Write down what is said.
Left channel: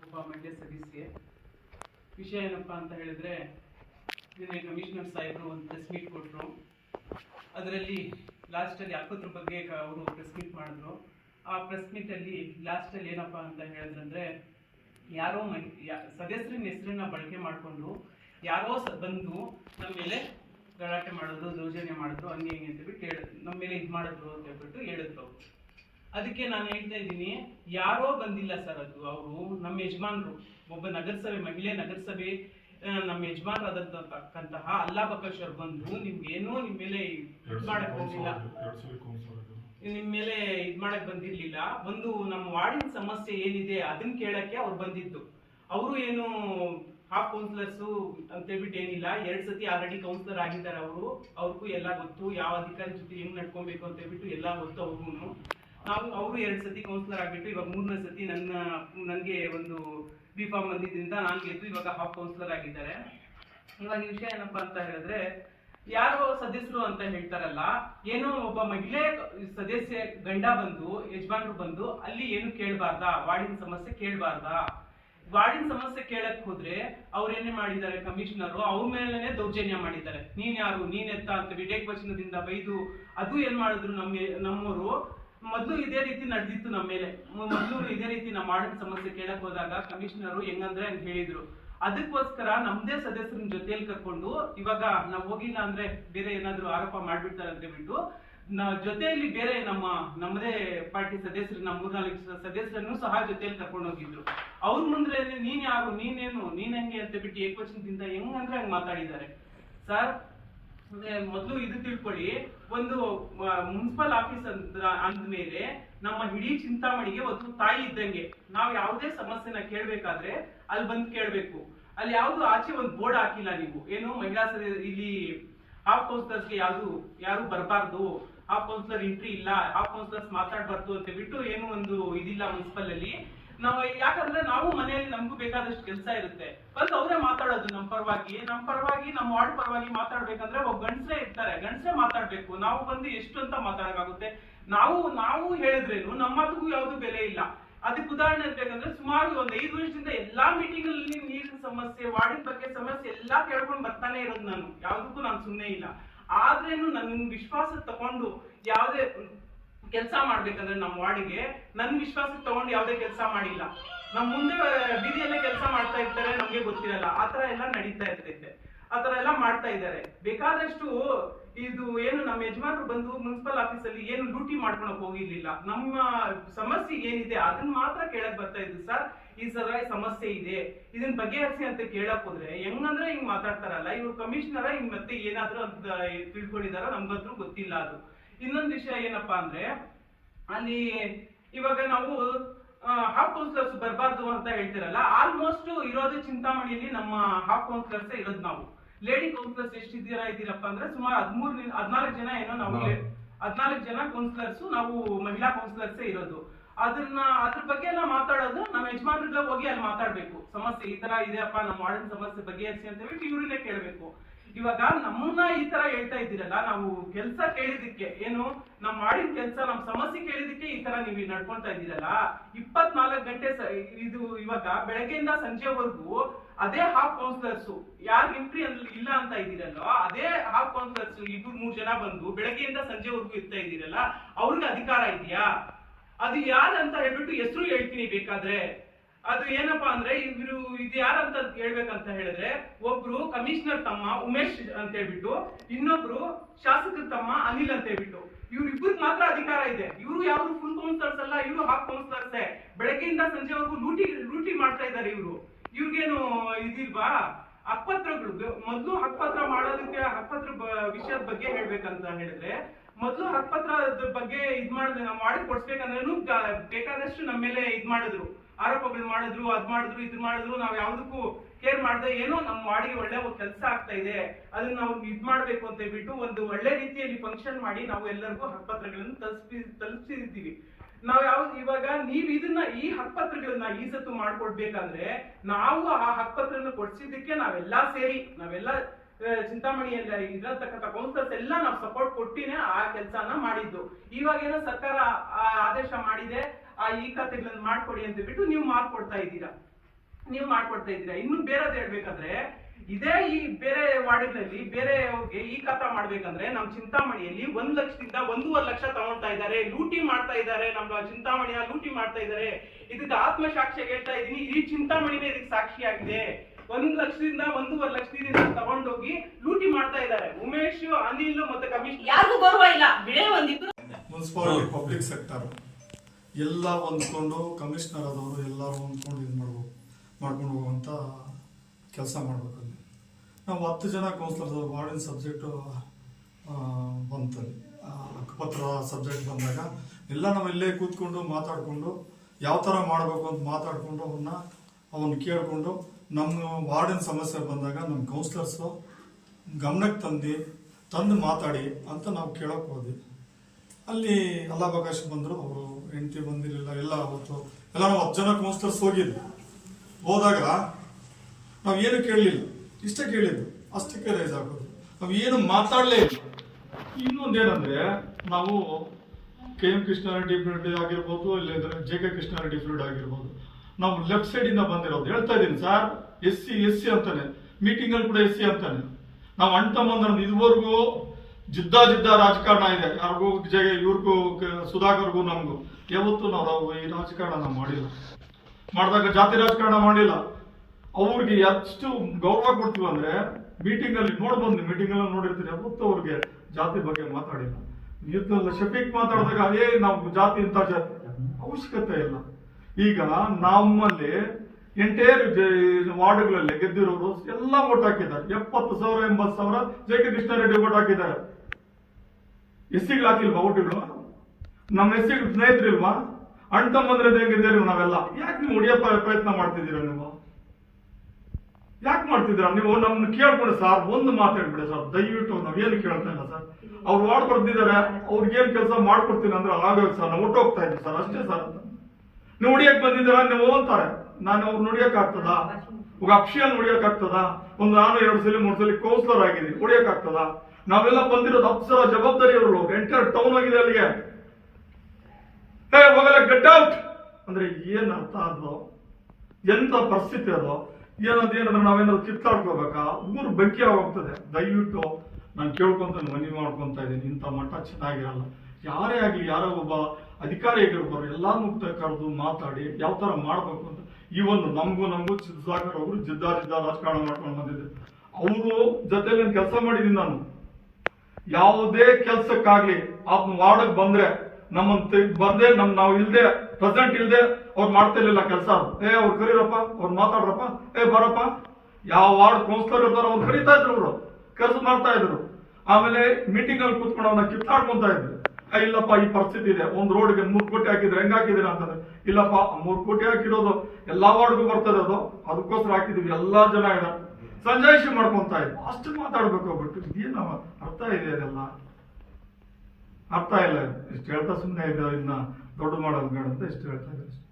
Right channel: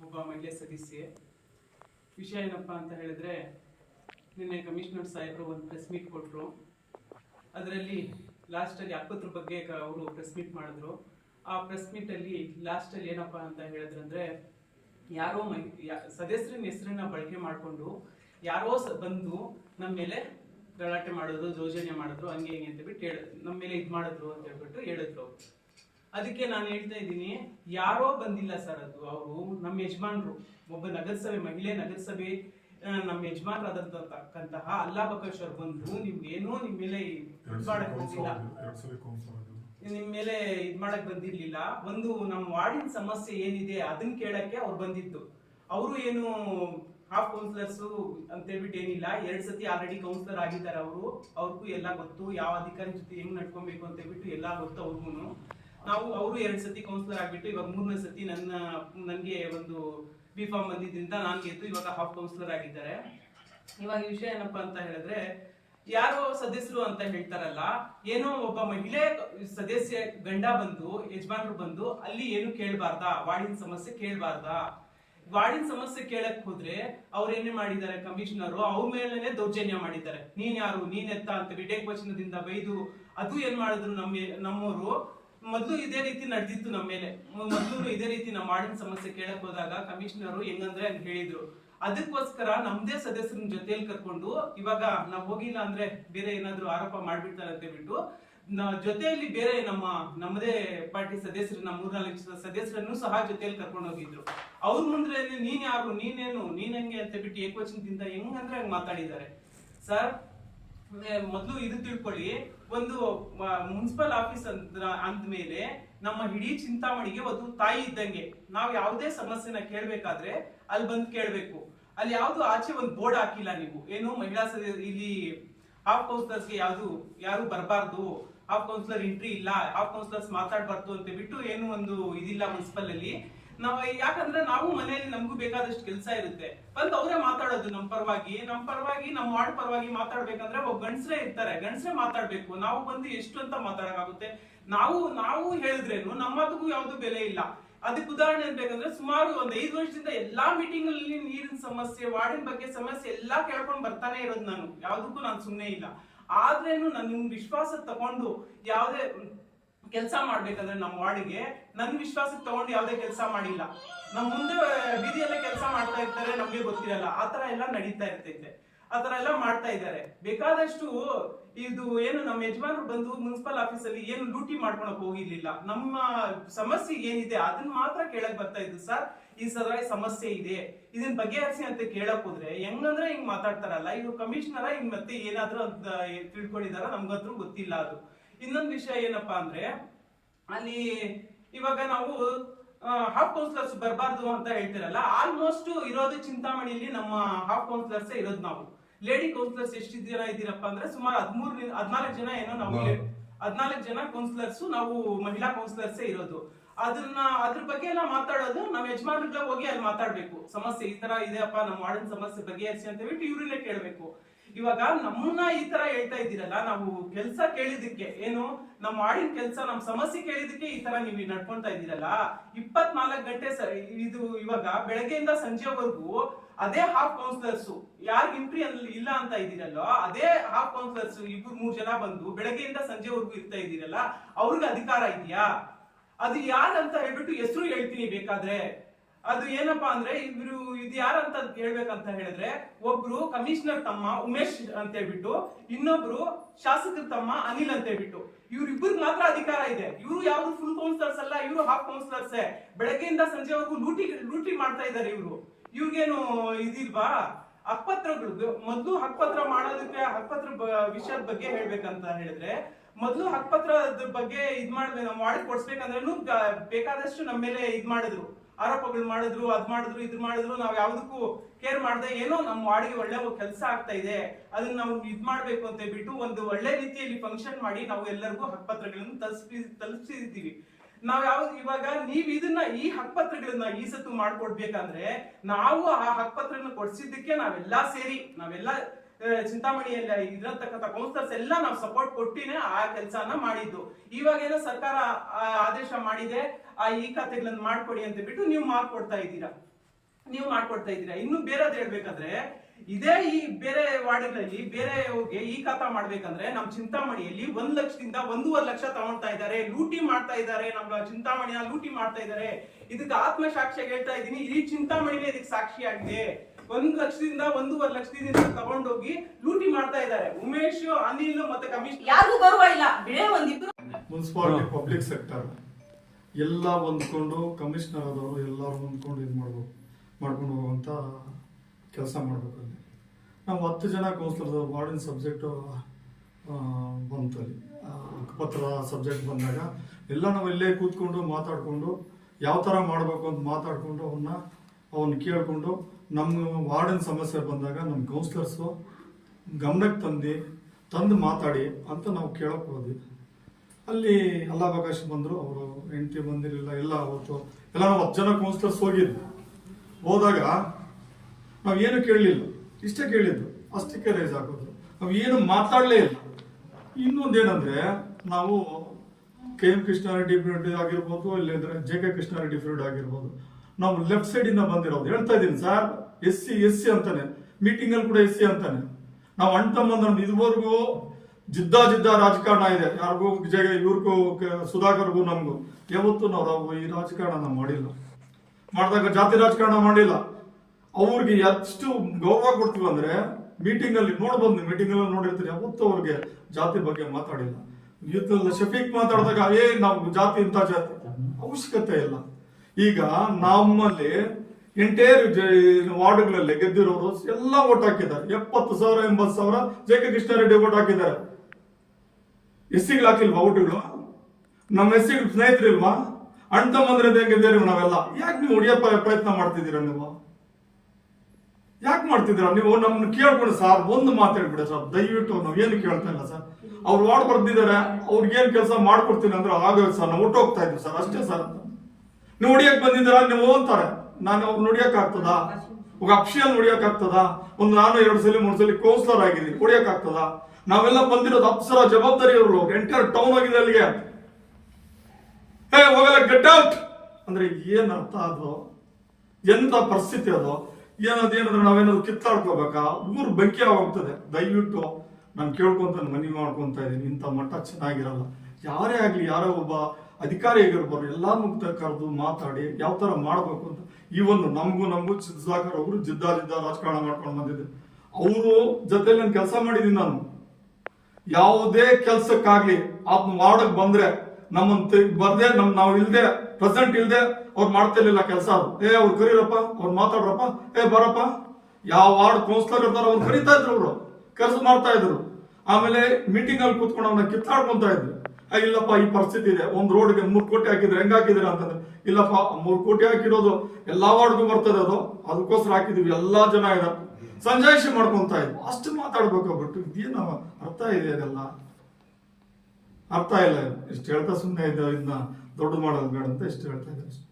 ಸದಸ್ಯೆ ವಿಷಯ ಏನಪ್ಪ ಅಂತ ಹೇಳಿದ್ರೆ, ನಿನ್ನೆ ಕಮಿಷನರ್ ಸಾಹೇಬರು ಒಂದು ಪ್ರೆಸ್ ಮೀಟ್ ಕೊಟ್ಟರು ಅದರಲ್ಲಿ ಲಾಸ್ಟಲ್ಲಿ ಹಕ್ಕದ್ರ ಬಗ್ಗೆ ಅವರು ಪ್ರೆಸ್ ಮೀಟ್ ಮಾಡಿದ್ರು. ಆ ಪ್ರೆಸ್ ಮೀಟಲ್ಲಿ ಲಾಸ್ಟಲ್ಲಿ ಏನಪ್ಪ ಅಂತ ಹೇಳಿದ್ರಂದ್ರೆ, ಯಾರೋ ಮೈ ಯಾ- ಸದಸ್ಯರಿನ ಹೆಸರನ್ನ ಬಳಕೆ ಮಾಡಿಕೊಂಡು ಯಾರೋ ಬಂದು ನಮ್ಮ ಮೇಲೆ ಗಲಾಟೆ ಮಾಡಿದ್ರು ಯೋಜನೆ ಮಾಡಿದ್ರು ಹಂಗೆ ಹಿಂಗೆ ಅಂತ ಬಿಟ್ಟು ಹೇಳಿದ್ರು ನಮ್ಮ ಮೇಲೆ ಇದು ಮಾಡಿದ್ರು ಅಂತ ಹೇಳ್ಬಿಟ್ಟು ಹೇಳಿದ್ರು ಅವ್ರು. ಅದಕ್ಕೆ ನಾನು ಹೇಳ್ತಾ ಇದ್ದೀನಿ ಯಾರೋ ಬಂದಿಲ್ಲ ಸರ್ ಅದು ಅವರು ನಮ್ಮ ಯಜಮಾನ್ರು ಒಬ್ಬ ನಗರಸಭೆ ಮಹಿಳೆ ನಗರಸಭೆ ನಮ್ಮ ಯಜಮಾನರಾದಂತಕ್ಕಂತಹ ಅಲ್ಲಾ ಬಕೇಶ್ವರ್ ಬಂದು ನಿಮ್ಗೇನೋ ನಿಮ್ ಮೇಲೆ ಇದ್ ಮಾಡಕ್ ಬಂದಿಲ್ಲ. ಎರಡು ಸಲ ನಿಮ್ ಮೇಲೆ ಇದ್ ಮಾಡಕ್ ಬಂದಿರ್ಲಿಲ್ಲ. ಒಂದು ನಮ್ಮ ವಾರ್ಡಿನ ಸಮಸ್ಯೆ ಏನಿದೆ ಅದನ್ನ ಕೇಳಕ್ಕೆ ಅವ್ರು ಬಂದಿದ್ದು. ಅವರು ಏನು ಹಾಫ್ ಕೌನ್ಸಿಲರ್ಸ್ ಅಂತ ಹೇಳ್ಬಿಟ್ಟು ಏನಿಲ್ಲ ಎರಡ್ ಸತಿ ಆಲ್ರೆಡಿ ಕೌನ್ಸಿಲರ್ ಆಗಿದ್ದಾರೆ ಅವರು. ಅವ್ರಿಗೂ ಎಲ್ಲ ಗೊತ್ತು ಯಾವ ಅಧಿಕಾರಿ ಜೊತೆ ಹೆಂಗ್ ನಡ್ಕೊಬೇಕು ಅಂತ ಹೇಳ್ಬಿಟ್ಟು ಎಲ್ಲ ಗೊತ್ತು ಅವ್ರಿಗೂ ನಾವು ಅವರು ಎರಡು ಸತಿ ಕೌನ್ಸಿಲರ್ ಆಗಿಬಿಟ್ಟು ಇವಾಗ ಮೂರನೇ ಸತಿ ನನ್ನ, ನನಗೆ ಒಂದು ಬಿ ಫಾರ್ಮ್ ಬಂದಿದ್ದರಿಂದ ನಾನು ಗೆದ್ದು ಇವಾಗ ಹಾಫ್ ಕೌನ್ಸಿಲರ್ ಆಗಿದ್ದಾರೆ. ಇವಾಗ ವಿಷಯ ಏನಪ್ಪ ಅಂತ ಹೇಳಿದ್ರೆ, ಯಾರೋ ಸದಸ್ಯರು ಅಂತ ಹೇಳ್ತಾರಲ್ಲ, ಏನೋ ಒಬ್ಬ ಮಹಿಳೆ ಸದಸ್ಯ ಗಂಡ ಬಂದು, ಯಜಮಾನರು ಬಂದು ಅಲ್ಲಿ ಏನು ಕೇಳಬಾರ್ದಾ? ವಾರ್ಡಿನ ಸಮಸ್ಯೆ ಕೇಳಬಾರ್ದಾ? ವಾರ್ಡಿನ ಸಮಸ್ಯೆ ಕೇಳಕ್ ಹೋದ್ರೆ ಏನೇ ಮಾಡಿದ್ದಾರೆ? ಕಮಿಷನರ್ ಅವ್ರ ಮೇಲೆ ದೌರ್ಜನ್ಯ ಮಾಡಿದ್ದಾರೆ. ನೀನ್ ಯಾರು? ನೀನ್ ಎತ್ತ ಅಂತ ವಿಡೇಕವಚನದಿಂದ ಬೈದು ಅದು ಏನ್ ಮಾಡಿದ್ರು ನಮ್ಮ ನಮ್ಮವರು ಮೊದಲು ಇದೇ ರೀತಿ ನಡೆದಿತ್ತು ನಮ್ಮ ಮೇಲೆ. ಮೊದಲು ಇದೇ ರೀತಿ ನಮ್ಮ ಮಾಡಿದ ಸಮಸ್ಯೆ ಕೇಳಕ್ ಹೋದಾಗ ಕಮಿಷನರ್ ಹೆಂಗಂದ್ರೆ ಅಂತ ಹೇಳಿದ್ರು. ಅದಕ್ಕೋಸ್ಕರ ನಮ್ದೇ ಸದಸ್ಯರ ಜೊತೆಯಲ್ಲಿ ಕರ್ಕೊಂಡು ಇವಾಗ ನಾವು ಹೋಗಿಲ್ಲ ಅಂದ್ರೆ ಬೇರೆ ಏನಾದ್ರು ಆರೋಪ ಮಾಡ್ಬಿಡ್ತಾರೆ ಅಂತ ಬಿಟ್ಟು ಜೊತೆಯಲ್ಲಿ ಬೇರೆ ನಮ್ಮ, ನಮ್ಮದೇ ಪಾರ್ಟಿ ಸದಸ್ಯರು, ನಮ್ಮ ಮೂರ್ನಾಲ್ಕು ಸದಸ್ಯರನ್ನು ಸಹ ಜೊತೆಯಲ್ಲಿ ಕರ್ಕೊಂಡು ಹೋಗಿದ್ರು. ಅವ್ರ ಮುಂದೆ ನೀನ್ ಯಾರು ನೀನೇನು ನೀನ್ ಹೆಂಗೆ ಅಂತ ಬಿಟ್ಟು ಏಕವಚನದಿಂದ ಹೆಂಗಂದ್ರೆ ಹಂಗ್ ಮಾತಾಡಿದ್ದಾರೆ. ಸರ್ ಮೊದಲು ಇದು ತಿಳ್ಕೊಳ್ಳಿ. ಒಂದು ಮುನ್ಸಿಪಲ್ ಆಫೀಸ್ ಅಂತ ಅಂದ್ಮೇಲೆ ನಮ್ಮ ಇಡೀ ಚಿಂತಾಮಣಿಗೆ ಒಂದು ತಾಯಿ ಇದ್ದಂಗೆ. ನಾವು ಯಾವುದೇ ಸಮಸ್ಯೆನ ಕೇಳಬೇಕಾದ್ರೆ ಅಲ್ಲಿ ಬಂದು ಕೇಳಬೇಕು. ಅಲ್ಲಿ ಯಾವುದು ಆಚೆ ಒಂದು ಬೋರ್ಡ್ ಹಾಕಿಲ್ಲ ನೀವು. ಏನು ಮಹಿಳಾ ಇಲ್ಲಿ ಹಾಫ್ ಕೌನ್ಸಿಲರ್ಸ್ಗೆ ಯಾವುದು, ಯಾರು ಬರಬಾರ್ದು. ಹಾಫ್ ಕೌನ್ಸಿಲರ್ ಎಂಟ್ರಿ ಇಲ್ಲ. ಹಾಫ್ ಕೌನ್ಸಿಲರ್ಸ್ ಮಾತಾಡಬಾರ್ದು ಅಂತ ಬಿಟ್ಟು ಏನು ಒಂದು ಇದಿಲ್ಲ ಮುನ್ಸಿಪಲ್ ಅಲ್ಲಿ. ನಾವು ಯಾಕಂದ್ರೆ ನಾವು ಮನೆಯಲ್ಲಿ ನಮಗೂ ಬೇಕಾದಷ್ಟು ಕೆಲಸ ಇರುತ್ತೆ. ಬಂದು ಅವರೇ ಮಾತಾಡೋದು ನಮ್ಮ ಪರವಾಗಿ. ನಮ್ಮ ಪರವಾಗಿ ನಮ್ಮ ವಾರ್ಡ್ ಪರವಾಗಿ ಮಾತಾಡ್ಬೇಕಂದ್ರೆ ಒಬ್ಬ ಗಂಡಸರೇ ಇರ್ತಾರೆ. ಗಂಡಸರೇ ಮಾತಾಡ್ಬೇಕು. ನಾವು ಬಂದು ಎಷ್ಟು ಅಂತ ಮಾತಾಡಕ್ಕಾಗುತ್ತೆ? ನಾವು ನಾವು ಹೇಳಿದ್ರೇನು ನಮ್ಮ ಮಾತಿಗೂ ಯಾವ್ದು ಬೆಲೆ ಇಲ್ಲ. ಅದಕ್ಕೆ ಉದಾಹರಣೆ ಇರ್ಬೇಕಂದ್ರೆ ಸುಮಾರು ಒಂದ್ ಐದು ವರ್ಷದಿಂದ ಎಲ್ಲಾ ಮೀಟಿಂಗ್ ಅಲ್ಲಿ ನೀರಿನ ಸಮಸ್ಯೆ, ವಾರ್ಡಿನ ಬಗ್ಗೆ ಸಮಸ್ಯೆ ಎಲ್ಲಾ ಕೇಳ್ಕೊಂಡು ಬರ್ತಾನೆ ಇರೋದು ನಾನು. ಯಾವ್ದಕ್ಕೂ ನಾನು ಸುಮ್ಮನೆ ಇಲ್ಲ. ಆದ್ರೇನು ನನ್ನ ವಿಶ್ವಾಸ ತಗೊಂಡು ಯಾವ್ದೇ ಕೆಲಸ ಮಾಡ್ಬೇಕಂದ್ರೆ ನಮ್ಮ ವಾರ್ಡಿಗೆ ನನ್ನ ವಿಶ್ವಾಸಕ್ಕೆ ತಗೊಂಡು ಯಾವುದೇ ಕೆಲಸ ಮಾಡಿಲ್ಲ. ನಮ್ಮ ಮುಂದೆ ಬೀದಿಯಲ್ಲೇ ಕೆಲಸ ಮಾಡ್ತಾ ಇರ್ತಾರೆ, ನಮ್ಗೆ ಗೊತ್ತಿರಲ್ಲ. ಆತರ ಎಲ್ಲ ನಡೀತಾ ಇರ್ತೈತೆ. ಆತರ ಎಲ್ಲ ಮಾಡ್ತಾ ಇದ್ದಾರೆ. ಬೇಕಾದಷ್ಟು ಇದು ಏನು ನಮ್ಮ ಯಜಮಾನರು ಬಂದು ಮುನ್ಸಿಪಲ್ ಆಫೀಸ್ ಅಲ್ಲಿ ಏನು ಡ್ಯೂಟಿ ಮಾಡ್ಕೊಳಕ್ ಹೋಗಿರ್ಲಿಲ್ಲ. ನಮ್ಮ ಸಮಸ್ಯೆ ಏನಿದೆ ಅದನ್ನ ಮಾತ್ರ ಕೇಳಕ್ ಬರ್ತಾ ಇದ್ದು ಸರ್, ಈ ಸದರ ಸಮಸ್ಯೆ ಇದೆ. ಇದನ್ನ ಬಗೆಹರಿಸಿ ಅಂತ ಕೇಳಕ್ ಹೋದ್ರೆ ಹೆಂಗಂದ್ರೆ ಹಿಂಗ್ ಮಾತಾಡ್ತಾರಲ್ಲ, ಇವ್ರು ಕಮಿಷನರ ಹಿಂಗ್ ಮತ್ತೆ ಏನಾದ್ರೂ ಅಂತ ತಿಳ್ಕೊಂಡಿದಾರೋ ನಮ್ಗಂತೂ ಗೊತ್ತಿಲ್ಲ ಅದು. ಇನ್ನೊಂದು ವಿಷಯ ಏನಪ್ಪಾ ಅಂದ್ರೆ ಅಲ್ಲಿ ಇವಾಗ ನಾವು ಹಾಫ್ ಕೌನ್ಸಿಲರ್ಸ್ ಬರಬಾರ್ದು ಅಂತ ಹೇಳ್ತಿರಲ್ಲ ಆಲ್ಮೋಸ್ಟ್ ಇರೋದು ಚಿಂತಾಮಣಿಯಲ್ಲಿ ನಮ್ಮ ಹಾಫ್ ಕೌನ್ಸಿಲರ್ಸ್ ಇರೋದು ನಾವು. ಲೇಡಿ ಕೌನ್ಸಿಲರ್ಸ್ ಎಷ್ಟು ಜನ ಇದ್ದೀರಪ್ಪ ಅಂದ್ರೆ ಸುಮಾರು ಹದಿಮೂರ್ ಹದಿನಾಲ್ಕು ಜನ ಏನೋ ನಾವು ನಾವು. ಹದಿನಾಲ್ಕು ಜನ ಕೌನ್ಸಿಲರ್ಸ್ ನಾವು ಮಹಿಳಾ ಕೌನ್ಸಿಲರ್ಸ್ ಇರೋದು. ಅದನ್ನ ಅದ್ರ ಬಗ್ಗೆ ಎಲ್ಲ ಮಾತಾಡೋದು ನಮ್ಮ ಯಜಮಾನ್ರಿಗೆ ಹೋಗಿ ಅಲ್ಲಿ ಮಾತಾಡ್ಬೇಕು. ಸಮಸ್ಯೆ ಈ ತರ ಇದೆಯಪ್ಪ ನಮ್ಮ ವಾರ್ಡನ್ ಸಮಸ್ಯೆ ಬಗೆಹರಿಸಿ ಅಂತ ಹೇಳ್ಬಿಟ್ಟು ಇವ್ರನ್ನೇ ಕೇಳ್ಬೇಕು. ಇವಾಗ ನಮ್ಮನ್ನ ಈ ತರ ಹೇಳ್ತಾ ಇದ್ದೀರಲ್ಲ, ನಾವು ಕೆಲಸ ಕೇಳಿದಕ್ಕೆ ಏನು ನಮ್ಮ ಮಾಡಿದ ಕೆಲಸ, ನಮ್ಮ ಸಮಸ್ಯೆ ಕೇಳಿದಕ್ಕೆ ಈ ತರ ನೀವು ನಡ್ಕೊಳ್ತಾ ಇದ್ದೀರಲ್ಲ, ಇಪ್ಪತ್ನಾಲ್ಕು ಗಂಟೆ ಇದು ಇವಾಗ ಬೆಳಗ್ಗೆಯಿಂದ ಸಂಜೆವರೆಗೂ ಅದೇ ಹಾಫ್ ಕೌನ್ಸಿಲರ್ಸ್ ಯಾರು ಅಲ್ಲಿ ಇಲ್ಲ ಅಂತ ಇದ್ದೀರಲ್ಲ, ಅದೇ ಹಾಫ್ ಕೌನ್ಸಿಲರ್ಸ್ ಇಬ್ಬರು ಮೂರ್ ಜನ ಬಂದು ಬೆಳಗ್ಗೆಯಿಂದ ಸಂಜೆವರೆಗೂ ಇರ್ತಾ ಇದ್ದೀರಲ್ಲ, ಅವ್ರಿಗೆ ಅಧಿಕಾರ ಇದೆಯಾ? ಅದು ಯಾರಂತ ಹೇಳ್ಬಿಟ್ಟು ಹೆಸರು ಹೇಳ್ತೀನಿ ಬೇಕಾದ್ರೆ. ಅದು ಏನಪ್ಪಾ ಅಂದ್ರೆ ಇವ್ರು ಇದು ಯಾರಂತ ಹೇಳ್ಬೇಕಂತ ಹೇಳಿದ್ರೆ ಒಬ್ರು ಕಮಿಷನರ್ ತಮ್ಮ ಉಮೇಶ್ ಅಂತ ಹೇಳ್ಬಿಟ್ಟು ಇನ್ನೊಬ್ರು ಶಾಸಕರ ತಮ್ಮ ಅನಿಲ್ ಅಂತ ಹೇಳ್ಬಿಟ್ಟು. ಇವ್ರಿಬ್ರು ಮಾತ್ರ ಅಧಿಕಾರ ಇದೆ. ಇವರು ಯಾವ್ದು ಫುಲ್ ಕೌನ್ಸಿಲರ್ಸ್ ಅಲ್ಲ, ಇವರು ಹಾಫ್ ಕೌನ್ಸಿಲರ್ಸ್ ಬೆಳಗ್ಗೆಯಿಂದ ಸಂಜೆವರೆಗೂ ಲೂಟಿ ಲೂಟಿ ಮಾಡ್ತಾ ಇದ್ದಾರೆ ಇವರು. ಇವ್ರಿಗೇನು ಇದಿಲ್ವಾ? ಹಕ್ಪತ್ರಗಳು ಮೊದಲು ಹಕ್ಪತ್ರ ಮಾಡೋದಕ್ಕೆ ಹಕ್ಪತ್ರ ವಿಷಯದ ಬಗ್ಗೆ ಹೇಳ್ಬೇಕಂತ ಹೇಳಿದ್ರೆ, ಮೊದಲು ಹಕ್ಪತ್ರದ ಬಗ್ಗೆ ಇದ್ ಮಾಡ್ಬೇಕು ನಾವು ಮಾಡಿ ಕೊಡ್ಸ್ಬೇಕಂದ್ರೂ ಬೇಕಾದಷ್ಟು ನಮ್ಮ ಮೇಲೆ ಇದ್ ಮಾಡಿದ್ರು ಆರೋಪಗಳು ಮಾಡಿದ್ರು, ಅದ್ ಮಾಡಿದ್ರು, ಇದು ಮಾಡಿದ್ರು, ನಾವು ಯಾವುದಕ್ಕೂ ಕೇರ್ ಮಾಡದೆ ಏನೋ ನಮ್ಮ ವಾಡಿಗೆ ಒಳ್ಳೆ ಕೆಲಸ ಆಗ್ತಾ ಇದೆ, ಅದನ್ನ ನಾವು ಇದ್ ಮಾಡ್ಬೇಕು ಅಂತ ಬಿಟ್ಟು ಒಂದು ಒಳ್ಳೆ ರೀತಿಯಲ್ಲಿ ಫಂಕ್ಷನ್ ಮಾಡಿ ನಾವು ಎಲ್ಲರಿಗೂ ಹಕ್ಪತ್ರಗಳನ್ನು ತಲುಪಿ ತಲುಪಿಸಿದ್ದೀವಿ ನಾವ್ ಯಾವ್ದು, ಇವಾಗ ನೀವ್ ಇದನ್ನ ಈ ಹಕ್ಪತ್ರಗಳನ್ನ ಈ ಸತ್ತು ಮಾಡ್ಕೊಡ್ಬೇಕಂದ್ರೆ ನಾವು ಆ ಹಕ್ಪತ್ರನ ಕೊಡ್ಸಿದ್ದಕ್ಕೆ ನಾವೆಲ್ಲಾ ಸೇರಿ, ನಾವೆಲ್ಲ ಚಿಂತಾಮಣಿ ಎಲ್ಲ ಇರತಕ್ಕಂಥ ಕೌನ್ಸಿಲರ್ಸ್ ಎಲ್ಲ ನಾವು ಸಪೋರ್ಟ್ ಕೊಟ್ಟಿನೇ ಆ ಕೆಲಸನ ಮಾಡಿದ್ದು. ಇವಾಗ ಏನೋ ಸರ್ಕಾರ ಆದೇಶ ಮಾಡಿದೆ ಆ ಈ ಖಾತೆಗಳನ್ನ ಮಾಡ್ಕೊಡಿ ಅಂತ ಬಿಟ್ಟು ನೀವು ಮಾಡ್ಕೊಡ್ತಾ ಇದ್ದೀರಾ. ನೀವು ಮಾಡ್ಕೊಡ್ತಾ ಇದ್ದೀರಾ. ಇನ್ನು ಬೇರೆದ್ ಹೇಳ್ಬೇಕಂದ್ರೆ ಇದೇ ಈ ಬೇರೆ ವಾರ್ಡ್ಗಳಲ್ಲಿ ಬೇರೆ ಅವ್ರಿಗೆ ಈ ಕಥ ಮಾಡ್ಬೇಕಂದ್ರೆ ನಮ್ ಚಿಂತಾಮಣಿಯಲ್ಲಿ ಒಂದ್ ಲಕ್ಷದಿಂದ ಒಂದೂವರೆ ಲಕ್ಷ ತಗೊಳ್ತಾ ಇದ್ದಾರೆ. ಲೂಟಿ ಮಾಡ್ತಾ ಇದ್ದಾರೆ ನಮ್ಮ ಚಿಂತಾಮಣಿಯ ಲೂಟಿ ಮಾಡ್ತಾ ಇದ್ದಾರೆ. ಇದಕ್ಕೆ ಆತ್ಮಸಾಕ್ಷಿ ಹೇಳ್ತಾ ಇದೀನಿ ಇಡೀ ಚಿಂತಾಮಣಿನೇ ಇದಕ್ಕೆ ಸಾಕ್ಷಿಯಾಗಿದೆ. ಒಂದ್ ಲಕ್ಷದಿಂದ ಒಂದೂವರೆ ಲಕ್ಷದಿಂದ ತಗೊಂಡೋಗಿ ಲೂಟಿ ಮಾಡ್ತಾ ಇದ್ದಾರೆ. ಉಮೇಶ್ ಅನಿಲ್ ಮತ್ತೆ ಕಮಿಷನ್ ಯಾರಿಗೂ ಗೌರವ ಇಲ್ಲ. ಬಿಳೆ ಒಂದಿಬ್ರು ಮುನ್ಸಿಪಾಲಿಟಿ ಪಬ್ಲಿಕ್ ಸೆಕ್ಟರ್ ಎಲ್ಲ ಹೊಂದ್ಕೊಂಡು ಕಮಿಷನರ್ ಆದವರು ಎಲ್ಲರೂ ಹೊಂದ್ಕೊಂಡು ಇದು ಮಾಡ್ಬೇಕು, ಮಾಡ್ಕೊಂಡು ಹೋಗುವಂಥ ಕೆಲಸ ಮಾಡ್ಬೇಕು ಅಲ್ಲಿ. ನಾವು ಹತ್ತು ಜನ ಕೌನ್ಸಿಲರ್ ವಾರ್ಡಿನ ಸಬ್ಜೆಕ್ಟು ಬಂತಲ್ಲಿ ಅಕ್ಕಪತ್ರ ಸಬ್ಜೆಕ್ಟ್ ಬಂದಾಗ ಎಲ್ಲ ನಾವು ಇಲ್ಲೇ ಕೂತ್ಕೊಂಡು ಮಾತಾಡಿಕೊಂಡು ಯಾವ ಥರ ಮಾಡಬೇಕು ಅಂತ ಮಾತಾಡಿಕೊಂಡು ಅವನ್ನ ಅವನ್ನ ಕೇಳಿಕೊಂಡು ನಮ್ಮ ವಾರ್ಡಿನ ಸಮಸ್ಯೆ ಬಂದಾಗ ನಮ್ಮ ಕೌನ್ಸಿಲರ್ಸು ಗಮನಕ್ಕೆ ತಂದು ತಂದು ಮಾತಾಡಿ ಅಂತ ನಾವು ಕೇಳೋಕ್ಕೆ ಹೋದ್ವಿ. ಅಲ್ಲಿ ಅಲ್ಲಾಬಕಾಶ ಬಂದರು, ಅವರು ಹೆಂಡತಿ ಬಂದಿರಲಿಲ್ಲ, ಎಲ್ಲ ಅವತ್ತು ಎಲ್ಲ ನಾವು ಹತ್ತು ಜನ ಕೌನ್ಸಿಲರ್ಸ್ ಹೋಗಿದ್ವಿ ಹೋದಾಗ ನಾವು ಏನು ಕೇಳಲಿಲ್ಲ. ಇಷ್ಟೇ ಕೇಳಿದ್ದು. ಅಷ್ಟಕ್ಕೆ ರೈಸ್ ಹಾಕೋದು ನಾವು ಏನು ಮಾತಾಡಲೇ ಇಲ್ಲ. ಇನ್ನೊಂದೇನಂದ್ರೆ, ನಾವು ಕೆ ಎಂ ಕೃಷ್ಣಾರೆಡ್ಡಿ ಫೀಲ್ಡ್ ಆಗಿರ್ಬೋದು, ಇಲ್ಲದ್ರೆ ಜೆ ಕೆ ಕೃಷ್ಣಾರೆಡ್ಡಿ ಫೀಲ್ಡ್ ಆಗಿರ್ಬೋದು. ನಾವು ಲೆಫ್ಟ್ ಸೈಡ್ ಇಂದ ಬಂದಿರೋದು. ಹೇಳ್ತಾ ಇದ್ದೀನಿ, sir S C S C ಅಂತಾನೆ. ಮೀಟಿಂಗ್ ಅಲ್ಲಿ ಕೂಡ ಎಸ್ ಸಿ ಅಂತಾನೆ. ನಾವು ಅಣ್ಣ ತಮ್ಮ ಇದುವರೆಗೂ ಜಿದ್ದ ಜಿದ್ದ ರಾಜಕಾರಣ ಇದೆ. ಯಾರಿಗೂ ಜಗ ಇವ್ರಿಗೂ ಸುಧಾಕರ್ಗೂ ನಮಗೂ ಯಾವತ್ತೂ ನಾವು ಈ ರಾಜಕಾರಣ ಮಾಡಿಲ್ಲ. ಮಾಡಿದಾಗ ಜಾತಿ ರಾಜಕಾರಣ ಮಾಡಿಲ್ಲ. ಅವ್ರಿಗೆ ಎಷ್ಟು ಗೌರವ ಕೊಡ್ತೀವಿ ಅಂದ್ರೆ ಮೀಟಿಂಗ್ ಅಲ್ಲಿ ನೋಡ್ಬಂದು ಮೀಟಿಂಗ್ ಅಲ್ಲಿ ನೋಡಿರ್ತೀರಿ, ಯಾವತ್ತೂ ಅವ್ರಿಗೆ ಜಾತಿ ಬಗ್ಗೆ ಮಾತಾಡಿಲ್ಲ. ಇದ್ರಲ್ಲಿ ಶಫೀಕ್ ಮಾತಾಡಿದಾಗ, ಏ, ನಾವು ಜಾತಿ ಇಂಥ ಜಾತಿ. ಅವಶ್ಯಕತೆ ಇಲ್ಲ. ಈಗ ನಮ್ಮಲ್ಲಿ ಎಂಟೇರ್ ವಾರ್ಡ್ಗಳಲ್ಲಿ ಗೆದ್ದಿರೋರು ಎಲ್ಲ ಓಟ್ ಹಾಕಿದ್ದಾರೆ. ಎಪ್ಪತ್ತು ಸಾವಿರ, ಎಂಬತ್ತು ಸಾವಿರ ಜೆ ಕೆ ಕೃಷ್ಣಾರೆಡ್ಡಿ ಓಟ್ ಹಾಕಿದ್ದಾರೆ. ಎಸ್ ಸಿಗಳು ಹಾಕಿಲ್ವಾ ಓಟ್ಗಳು ನಮ್ಮ ಎಸ್ ಸಿಗಳು ಸ್ನೇಹಿತರಿಲ್ವಾ ಅಣ್ಣ ತಮ್ಮಂದ್ರೆ ಗೆದ್ದಿರು ನಾವೆಲ್ಲ? ಯಾಕೆ ನೀವು ಹೊಡಿಯೋ ಪ್ರಯತ್ನ ಮಾಡ್ತಿದ್ದೀರಾ ನೀವು? ಯಾಕೆ ಮಾಡ್ತಿದ್ದೀರಾ? ನೀವು ನಮ್ಮನ್ನು ಕೇಳ್ಕೊಂಡು ಸರ್, ಒಂದು ಮಾತಾಡ್ಬಿಡಿ ಸರ್. ದಯವಿಟ್ಟು ನಾವು ಏನು ಕೇಳ್ತಾ ಇಲ್ಲ ಸರ್. ಅವ್ರು ವಾರ್ಡ್ ಬರ್ದಿದ್ದಾರೆ, ಅವ್ರಿಗೆ ಏನ್ ಕೆಲಸ ಮಾಡ್ಕೊಡ್ತೀನಿ ಅಂದ್ರೆ ಆಗೋದು ಸರ್. ನಾವು ಹೋಗ್ತಾ ಇದ್ದೀವಿ ಸರ್. ಅಷ್ಟೇ ಸರ್. ನೀವು ಹೊಡಿಯಕ್ ಬಂದಿದ್ದೀರಾ? ನೀವು ಅಂತಾರೆ. ನಾನು ಅವ್ರು ನುಡಿಯಕ್ ಆಗ್ತದ ఒక ಅಫಿಷಿಯಲ್ ನೋಡಿಯಕ್ ಆಗ್ತದಾ ಒಂದು ನಾನು ಎರಡು ಸಲ, ಮೂರು ಸಲ ಕೌನ್ಸಿಲರ್ ಆಗಿದ್ದೀನಿ. ಹೊಡಿಯಕ್ ಆಗ್ತದಾ ನಾವೆಲ್ಲ ಬಂದಿರೋದು ಅಪ್ಸರ ಜವಾಬ್ದಾರಿ ಅವರು. ಎಂಟೈರ್ ಟೌನ್ ಆಗಿದೆ ಅಲ್ಲಿಗೆ. ಗೆಟ್ ಔಟ್ ಅಂದ್ರೆ ಏನ್ ಅರ್ಥ ಅದು? ಎಂತ ಪರಿಸ್ಥಿತಿ ಅದು? ಏನದು ಏನಂದ್ರೆ ನಾವೇನಾದ್ರು ಕಿತ್ತಾಡ್ಕೋಬೇಕಾ? ಊರು ಬೆಂಕಿ ಆಗೋಗ್ತದೆ. ದಯವಿಟ್ಟು ನಾನು ಕೇಳ್ಕೊಂತ ಮನವಿ ಮಾಡ್ಕೊಂತ ಇದ್ದೀನಿ. ಇಂಥ ಮಟ್ಟ ಚೆನ್ನಾಗಿರಲ್ಲ. ಯಾರೇ ಆಗಲಿ, ಯಾರೋ ಒಬ್ಬ ಅಧಿಕಾರಿ ಎಲ್ಲ ಮುಕ್ತ ಕರೆದು ಮಾತಾಡಿ ಯಾವ ಥರ ಮಾಡಬೇಕು ಅಂತ. ಈ ಒಂದು ನಮಗೂ ನಮಗೂ ಸುಧಾಕರ್ ಅವರು ಜಿದ್ದ ಜಿದ್ದ ರಾಜಕಾರಣ ಮಾಡ್ಕೊಂಡು ಬಂದಿದ್ದೆ ಅವರು ಜೊತೆಲಿ ನಾನು ಕೆಲಸ ಮಾಡಿದ್ದೀನಿ ನಾನು. ಯಾವುದೇ ಕೆಲಸಕ್ಕಾಗಿ ಆತ್ಮ ವಾರ್ಡ್ ಬಂದ್ರೆ ನಮ್ಮನ್ ತೆ- ಬರ್ದೆ ನಮ್, ನಾವು ಇಲ್ದೆ, ಪ್ರೆಸೆಂಟ್ ಇಲ್ದೆ ಅವ್ರು ಮಾಡ್ತಿರ್ಲಿಲ್ಲ ಕೆಲಸ ಏ, ಅವ್ರು ಕರೀರಪ್ಪ, ಅವ್ರು ಮಾತಾಡ್ರಪ್ಪ, ಏ, ಬರಪ್ಪ. ಯಾವ ವಾರ್ಡ್ ಕೌನ್ಸಿಲರ್ ಇರ್ತಾರ ಅವ್ರು ಕರೀತಾ ಇದ್ರು ಅವರು. ಕೆಲಸ ಮಾಡ್ತಾ ಇದ್ರು. ಆಮೇಲೆ ಮೀಟಿಂಗ್ ಅಲ್ಲಿ ಕೂತ್ಕೊಂಡು ಅವನ್ನ ಕಿತ್ತಾಡ್ಕೊಂತ ಇದ್ರು. ಇಲ್ಲಪ್ಪ, ಈ ಪರಿಸ್ಥಿತಿ ಇದೆ. ಒಂದು ರೋಡ್ಗೆ ಮೂರು ಕೋಟಿ ಹಾಕಿದ್ರೆ ಹೆಂಗ್ ಹಾಕಿದ್ರೆ ಅಂತಂದ್ರೆ, ಇಲ್ಲಪ್ಪ ಮೂರು ಕೋಟಿ ಹಾಕಿರೋದು ಎಲ್ಲ ವಾರ್ಡ್ಗೂ ಬರ್ತದೆ ಅದು. ಅದಕ್ಕೋಸ್ಕರ ಹಾಕಿದ್ವಿ. ಎಲ್ಲಾ ಜನ ಇದೆ. ಸಂಜಾಯಿಷಿ ಮಾಡ್ಕೊಂತ ಇದ್ವಿ ಅಷ್ಟು ಮಾತಾಡ್ಬೇಕು ಬಿಟ್ಟು. ಅರ್ಥ ಇದೆ ಅದೆಲ್ಲ ಅರ್ಥ ಇಲ್ಲ. ಇಷ್ಟು ಹೇಳ್ತಾ ಸುಮ್ಮನೆ ಇದು ಇದನ್ನ ದೊಡ್ಡ ಮಾಡೋದು ಬೇಡ ಅಂತ ಇಷ್ಟು ಹೇಳ್ತಾ ಇದ್ದಾರೆ